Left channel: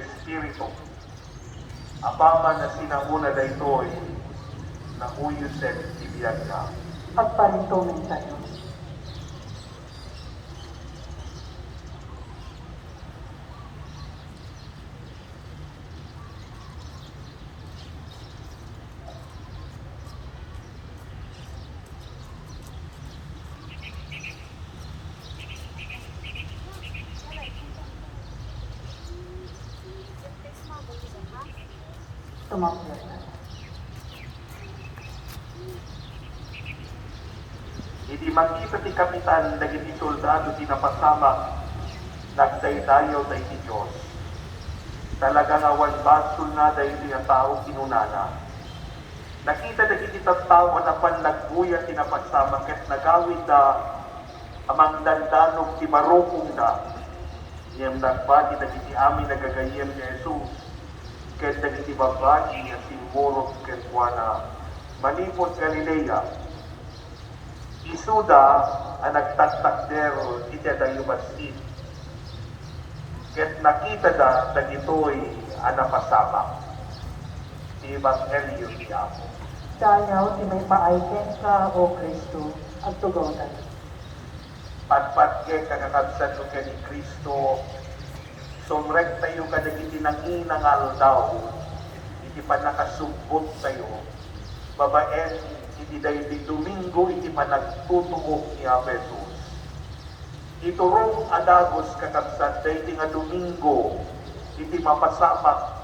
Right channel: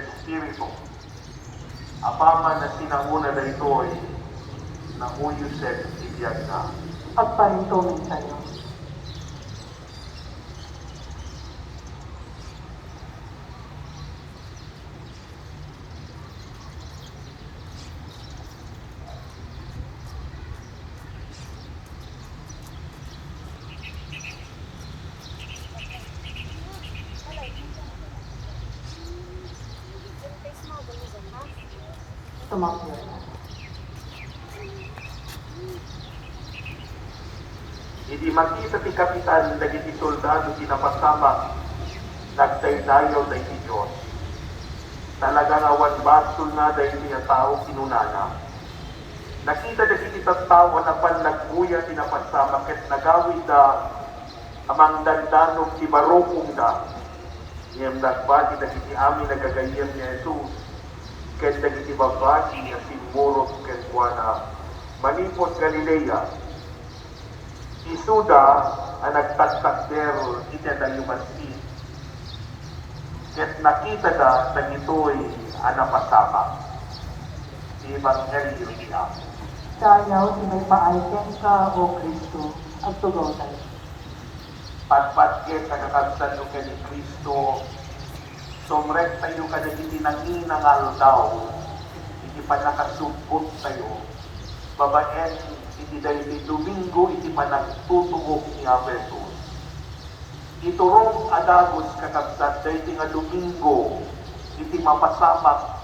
Espiritu, apama na sinanguna na ito'y na uyusen ibiyag ka. Pagparintumin tayo. Tumakbo. Hindi makita ti kapitan dagiti soldado tinapasama nagdaydayaw da iti Diyos. Talagang awan bastol na da iti tao kinunana. Nakita dagiti tao na pan nagbuya tinapasama ket nagawid da amang dandanog ti marupong da. Iyam nagbati dagiti amin nagagayem ni Jesus. Ket dagiti babati niya simburo ket kuana Malipot Galilea. Isuda ang nagtagtagder iti dayumasin. Ket nakita da dagitoy ang napasama. Si Evangelyo niya. Dayaw, di may paayken ka, O Kristo, at tugaw tayo. Patpatke kakakabsan no ni Kristo. Sumrek tayo ka dagiti nanginangal daw. Iti pa nakasubot tayo. Babaen iti dayti Domingo iti panagtutubok ni Jesus. Iturong adagos kakabsat dayti nga Domingo iti mapasama.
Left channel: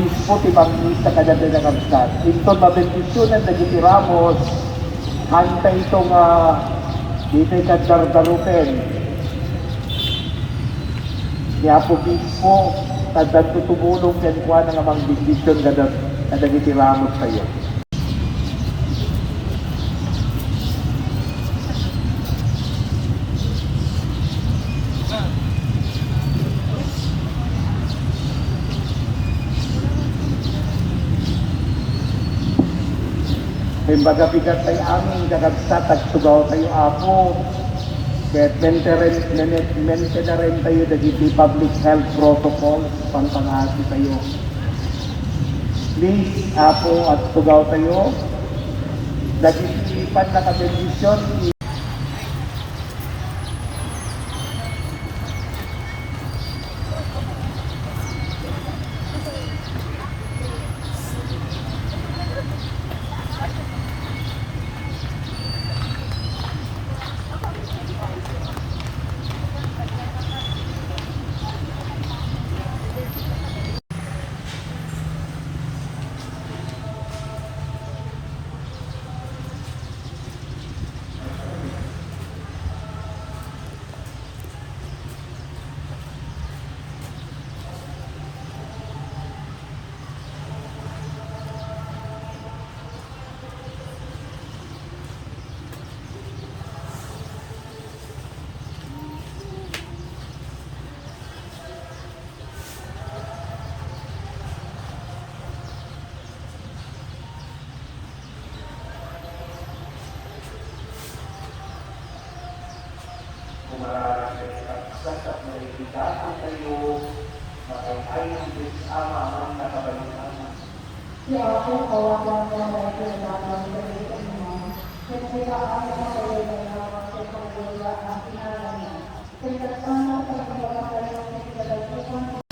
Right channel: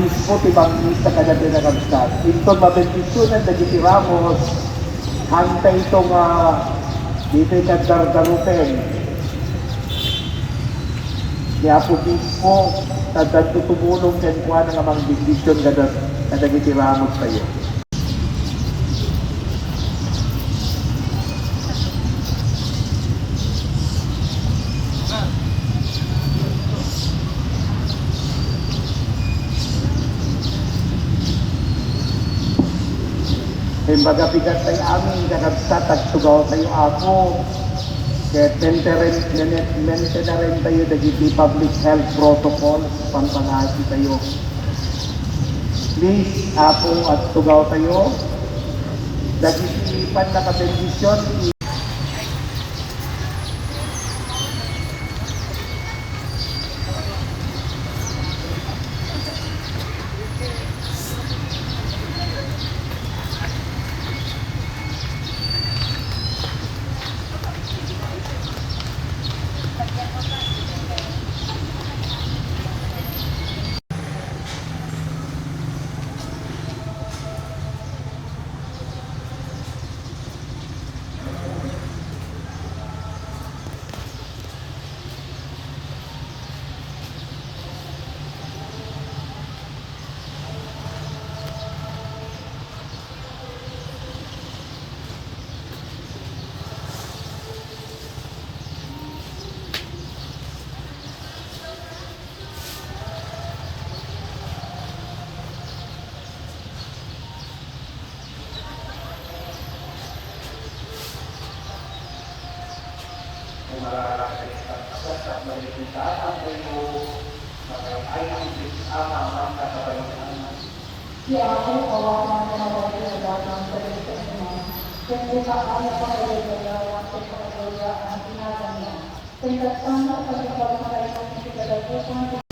Mismo ti Bangista kadagdag na kamsat. Ito mabendisyonan na gitiramos hantay itong dito kadardarupen. Kaya po mismo tadad tutumulong yan kuha ng amang bendisyon kada gitiramos tayo. Kumbaga bigat tayo amin, kadagtatag sugaw tayo ako. Kaya rin tayo dagiti public health protocol, pangpangasi tayo. Please, apo at sugaw tayo. Dagiti panlakabendisyon, Si Ate, awa na po na dahil ang bakong sa dito naman. Siyempre pa ang napakayuya at pagkakayuya ang pinagawa niya. Kaya sa pagkakayuya ang pinagawa